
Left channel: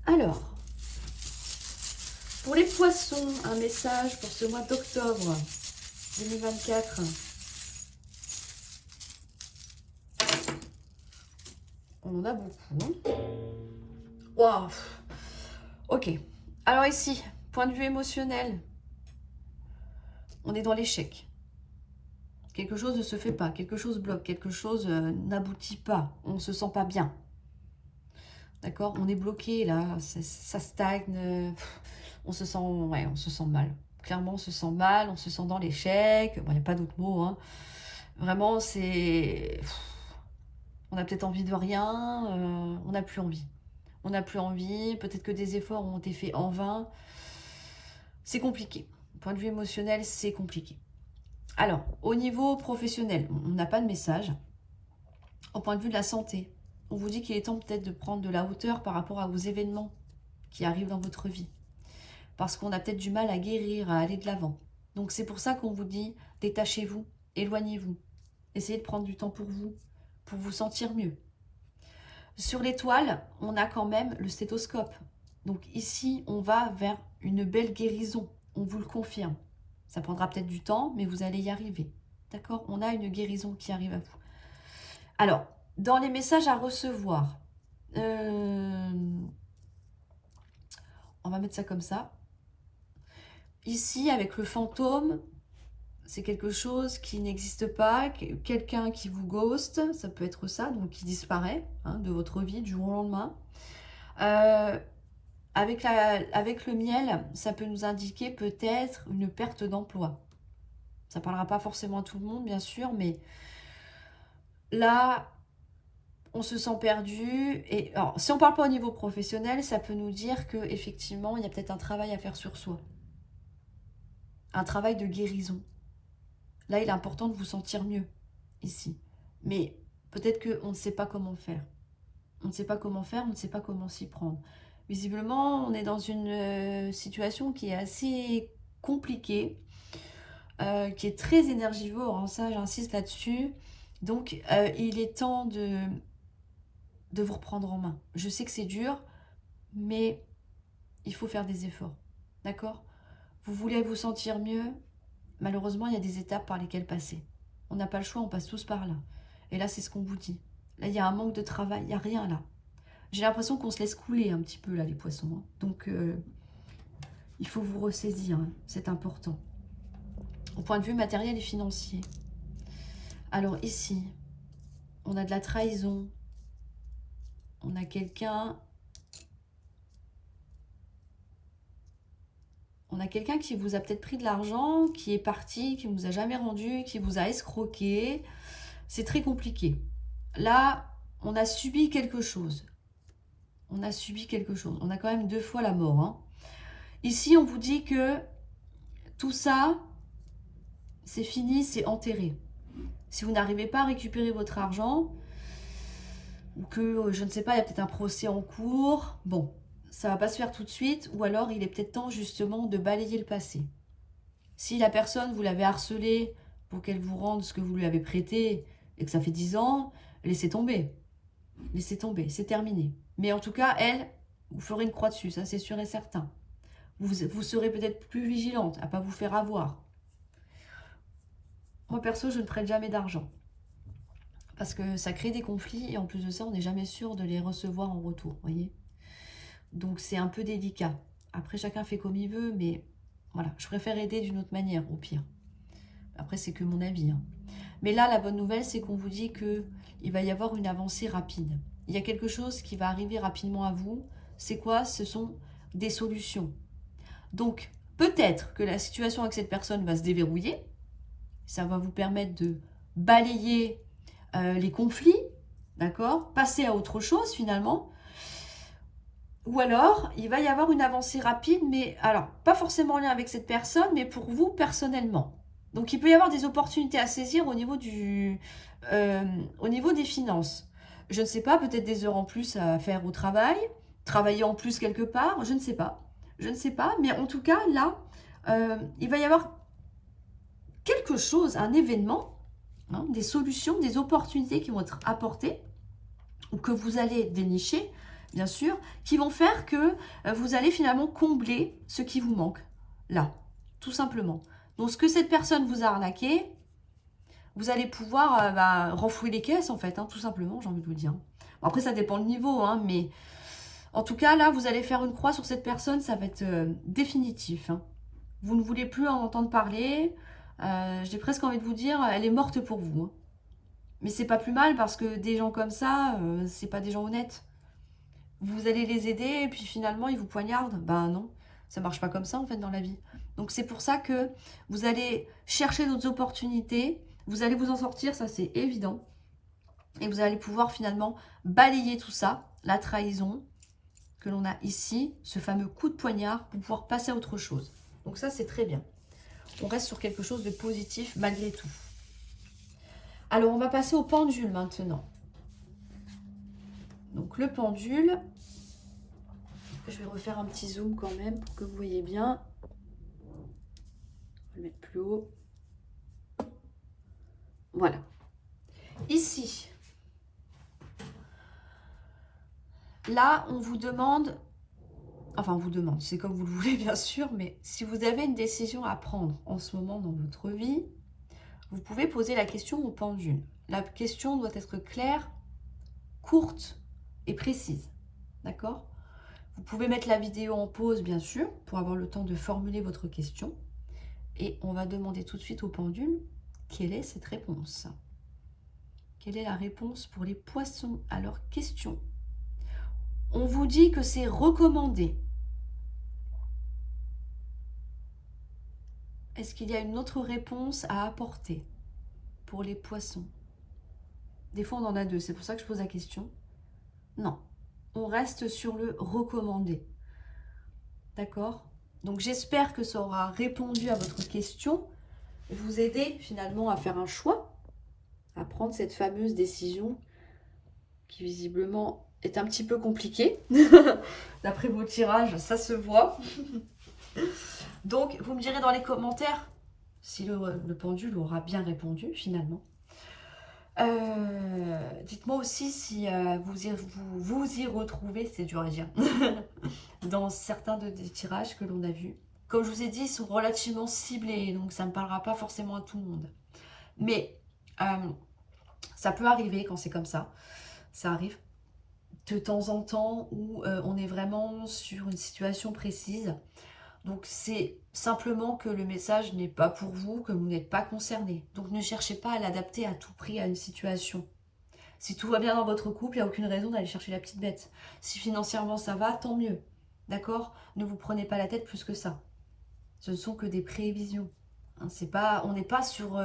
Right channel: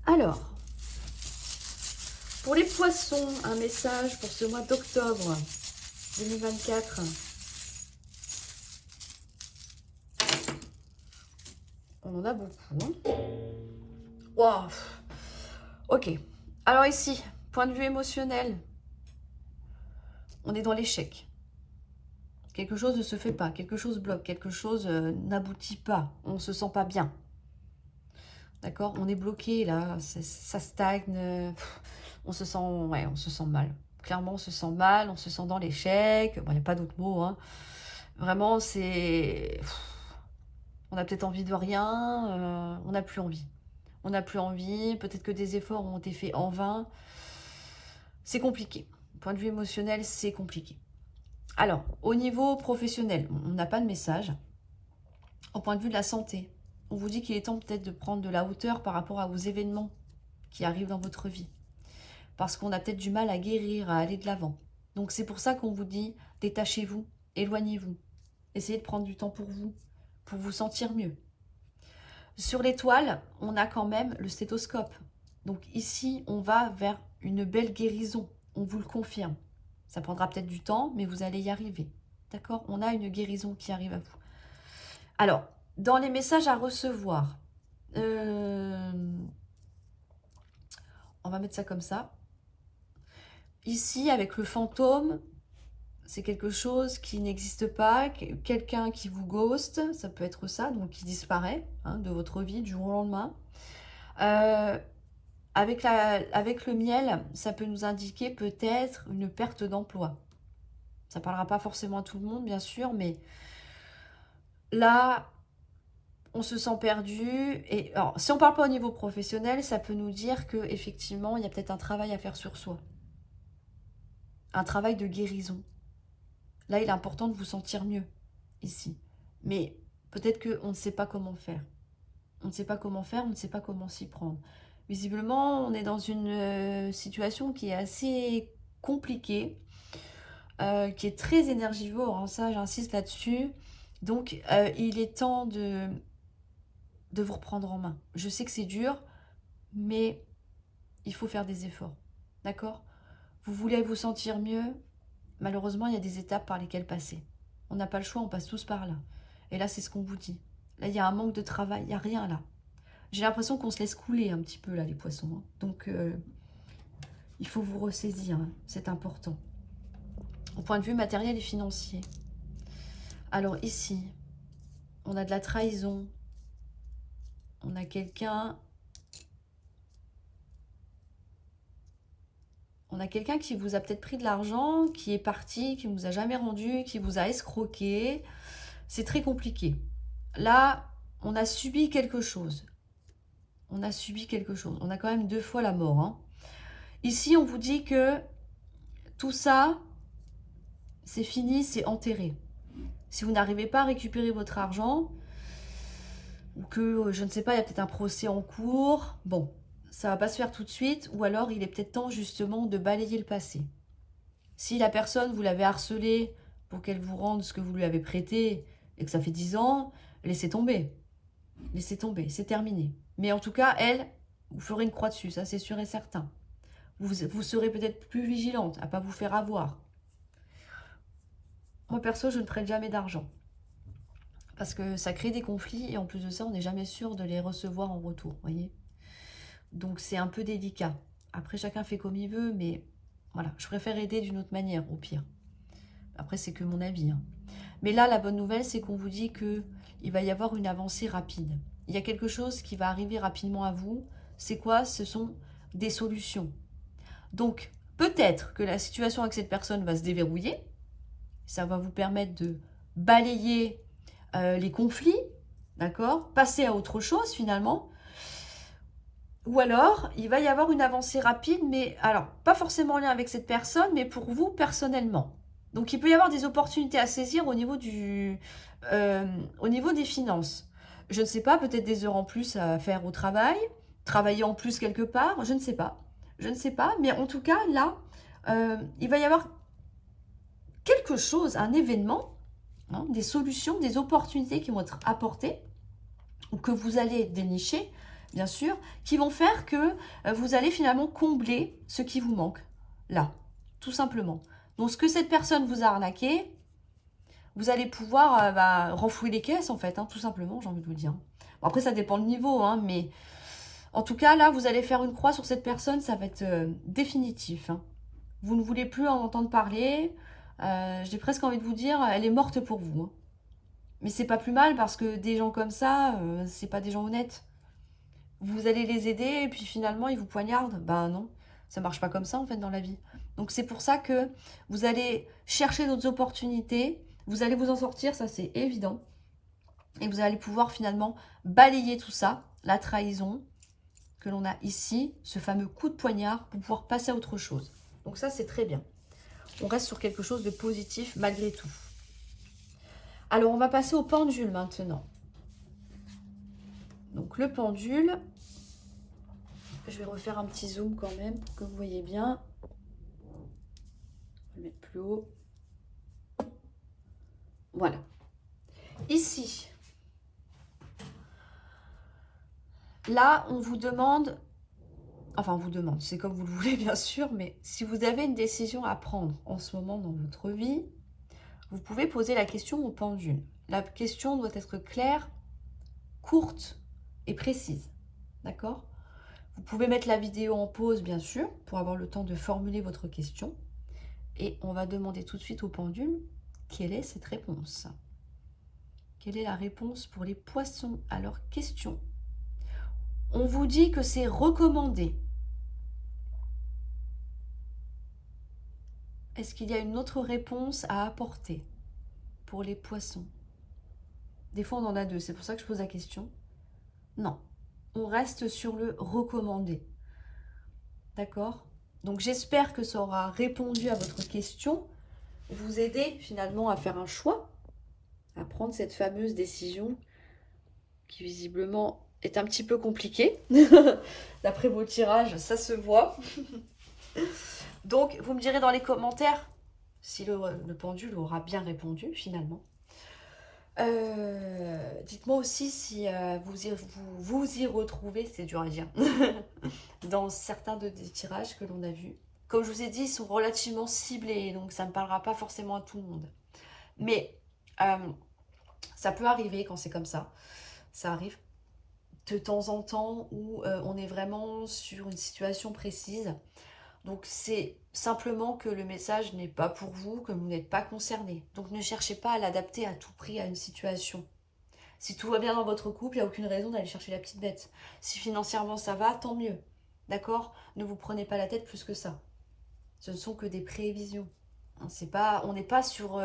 Alors, pour les poissons, un message pour ce mois d'octobre 2024. On en a beaucoup. Wow. Ok. Alors ici, point de vue émotionnel, on est dans l'échec. Quelque chose ne se fait pas, quelque chose bloque, quelque chose n'aboutit pas, on ne se sent pas bien. D'accord? On est bloqué là, ça stagne, on se sent, ouais, on se sent mal. Clairement, on se sent mal, on se sent dans l'échec. Bon, il n'y a pas d'autre mot, hein. Vraiment, c'est... On a peut-être envie de rien, on n'a plus envie. On n'a plus envie, peut-être que des efforts ont été faits en vain. C'est compliqué. Point de vue émotionnel, c'est compliqué. Alors, au niveau professionnel, on n'a pas de message. Au point de vue de la santé, on vous dit qu'il est temps peut-être de prendre de la hauteur par rapport à vos événements qui arrivent dans votre vie. Parce qu'on a peut-être du mal à guérir, à aller de l'avant. Donc c'est pour ça qu'on vous dit, détachez-vous, éloignez-vous. Essayez de prendre du temps pour vous sentir mieux. Sur l'étoile, on a quand même le stéthoscope. Donc ici, on va vers une belle guérison, on vous le confirme. Ça prendra peut-être du temps, mais vous allez y arriver. D'accord? On a une guérison qui arrive à vous. Alors, dans les messages à recevoir, on va mettre ça comme ça. Ici, avec le fantôme, c'est quelque chose qui n'existe pas, quelqu'un qui vous ghost, ça peut être ça, donc qui disparaît de votre vie du jour au lendemain. Avec le miel, ça peut nous indiquer peut-être une perte d'emploi. Ça ne parlera pas forcément à tout le monde, bien sûr, mais là, on se sent perdu. Et alors, si on ne parle pas au niveau professionnel, ça peut nous dire qu'effectivement, il y a peut-être un travail à faire sur soi. Un travail de guérison. Là, il est important de vous sentir mieux, ici. Mais peut-être qu'on ne sait pas comment faire. On ne sait pas comment faire, on ne sait pas comment s'y prendre. Visiblement, on est dans une situation qui est assez compliquée, qui est très énergivore, hein, ça j'insiste là-dessus. Donc, il est temps de vous reprendre en main. Je sais que c'est dur, mais il faut faire des efforts, d'accord? Vous voulez vous sentir mieux? Malheureusement, il y a des étapes par lesquelles passer. On n'a pas le choix, on passe tous par là. Et là, c'est ce qu'on vous dit. Là, il y a un manque de travail, il n'y a rien là. J'ai l'impression qu'on se laisse couler un petit peu là, les poissons. Hein. Donc, il faut vous ressaisir, hein. C'est important. Au point de vue matériel et financier. Alors ici, on a de la trahison. On a quelqu'un... On a quelqu'un qui vous a peut-être pris de l'argent, qui est parti, qui ne vous a jamais rendu, qui vous a escroqué. C'est très compliqué. Là, on a subi quelque chose. On a subi quelque chose. On a quand même 2 fois la mort. Hein. Ici, on vous dit que tout ça, c'est fini, c'est enterré. Si vous n'arrivez pas à récupérer votre argent, ou que, je ne sais pas, il y a peut-être un procès en cours, bon, ça ne va pas se faire tout de suite, ou alors il est peut-être temps justement de balayer le passé. Si la personne, vous l'avez harcelée pour qu'elle vous rende ce que vous lui avez prêté, et que ça fait 10 ans, laissez tomber. Laissez tomber, c'est terminé. Mais en tout cas, elle, vous ferez une croix dessus, ça c'est sûr et certain. Vous serez peut-être plus vigilante à ne pas vous faire avoir. Moi, perso, je ne prête jamais d'argent. Parce que ça crée des conflits et en plus de ça, on n'est jamais sûr de les recevoir en retour, voyez. Donc, c'est un peu délicat. Après, chacun fait comme il veut, mais voilà, je préfère aider d'une autre manière, au pire. Après, c'est que mon avis. Hein. Mais là, la bonne nouvelle, c'est qu'on vous dit qu'il va y avoir une avancée rapide. Il y a quelque chose qui va arriver rapidement à vous. C'est quoi? Ce sont des solutions. Donc, peut-être que la situation avec cette personne va se déverrouiller. Ça va vous permettre de balayer les conflits, d'accord? Passer à autre chose finalement. Ou alors, il va y avoir une avancée rapide, mais alors, pas forcément en lien avec cette personne, mais pour vous personnellement. Donc, il peut y avoir des opportunités à saisir au niveau des finances. Je ne sais pas, peut-être des heures en plus à faire au travail, travailler en plus quelque part, je ne sais pas. Je ne sais pas, mais en tout cas, là, il va y avoir quelque chose, un événement, hein, des solutions, des opportunités qui vont être apportées ou que vous allez dénicher, bien sûr, qui vont faire que vous allez finalement combler ce qui vous manque, là, tout simplement. Donc, ce que cette personne vous a arnaqué, vous allez pouvoir renflouer les caisses, en fait, hein, tout simplement, j'ai envie de vous dire. Bon, après, ça dépend le niveau, hein, mais en tout cas, là, vous allez faire une croix sur cette personne, ça va être définitif. Hein. Vous ne voulez plus en entendre parler. J'ai presque envie de vous dire, elle est morte pour vous. Hein. Mais c'est pas plus mal parce que des gens comme ça, c'est pas des gens honnêtes. Vous allez les aider et puis finalement, ils vous poignardent. Ben non, ça marche pas comme ça en fait dans la vie. Donc c'est pour ça que vous allez chercher d'autres opportunités. Vous allez vous en sortir, ça c'est évident. Et vous allez pouvoir finalement balayer tout ça, la trahison que l'on a ici, ce fameux coup de poignard pour pouvoir passer à autre chose. Donc ça c'est très bien. On reste sur quelque chose de positif malgré tout. Alors on va passer au pendule maintenant. Donc le pendule, je vais refaire un petit zoom quand même pour que vous voyez bien. On va le mettre plus haut. Voilà. Ici, là, on vous demande, enfin on vous demande, c'est comme vous le voulez bien sûr, mais si vous avez une décision à prendre en ce moment dans votre vie, vous pouvez poser la question au pendule. La question doit être claire, courte et précise. D'accord ? Vous pouvez mettre la vidéo en pause, bien sûr, pour avoir le temps de formuler votre question. Et on va demander tout de suite au pendule, quelle est cette réponse ? Quelle est la réponse pour les poissons à leur question ? On vous dit que c'est recommandé. Est-ce qu'il y a une autre réponse à apporter pour les poissons? Des fois, on en a deux, c'est pour ça que je pose la question. Non, on reste sur le recommandé. D'accord? Donc, j'espère que ça aura répondu à votre question, vous aider finalement à faire un choix, à prendre cette fameuse décision qui visiblement est un petit peu compliquée. D'après vos tirages, ça se voit. Donc, vous me direz dans les commentaires si le pendule aura bien répondu finalement. Dites-moi aussi si vous y retrouvez, c'est dur à dire, dans certains des tirages que l'on a vus. Comme je vous ai dit, ils sont relativement ciblés, donc ça ne parlera pas forcément à tout le monde. Mais ça peut arriver quand c'est comme ça. Ça arrive de temps en temps où on est vraiment sur une situation précise. Donc c'est simplement que le message n'est pas pour vous, que vous n'êtes pas concerné. Donc ne cherchez pas à l'adapter à tout prix à une situation. Si tout va bien dans votre couple, il n'y a aucune raison d'aller chercher la petite bête. Si financièrement ça va, tant mieux. D'accord? Ne vous prenez pas la tête plus que ça. Ce ne sont que des prévisions. Hein, on n'est pas sur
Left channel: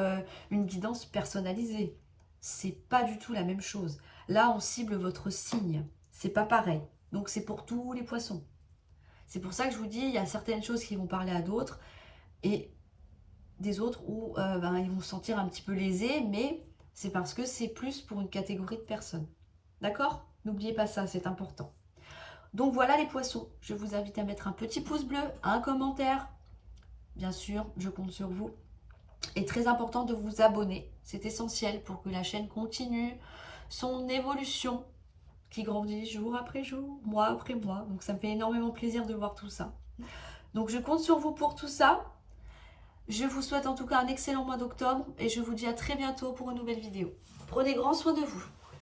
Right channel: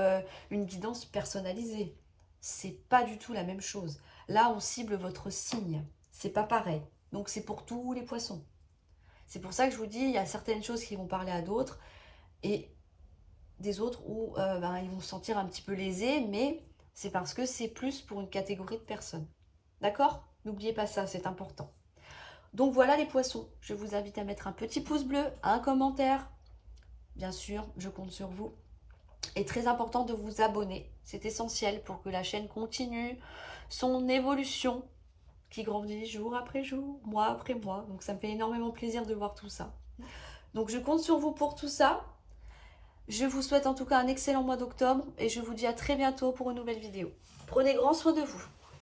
une guidance personnalisée. C'est pas du tout la même chose. Là, on cible votre signe. C'est pas pareil. Donc c'est pour tous les poissons. C'est pour ça que je vous dis, il y a certaines choses qui vont parler à d'autres et des autres où ils vont se sentir un petit peu lésés, mais c'est parce que c'est plus pour une catégorie de personnes. D'accord? N'oubliez pas ça, c'est important. Donc voilà les poissons, je vous invite à mettre un petit pouce bleu, un commentaire. Bien sûr, je compte sur vous. Et très important de vous abonner, c'est essentiel pour que la chaîne continue son évolution qui grandit jour après jour, mois après mois. Donc ça me fait énormément plaisir de voir tout ça. Donc je compte sur vous pour tout ça. Je vous souhaite en tout cas un excellent mois d'octobre et je vous dis à très bientôt pour une nouvelle vidéo. Prenez grand soin de vous.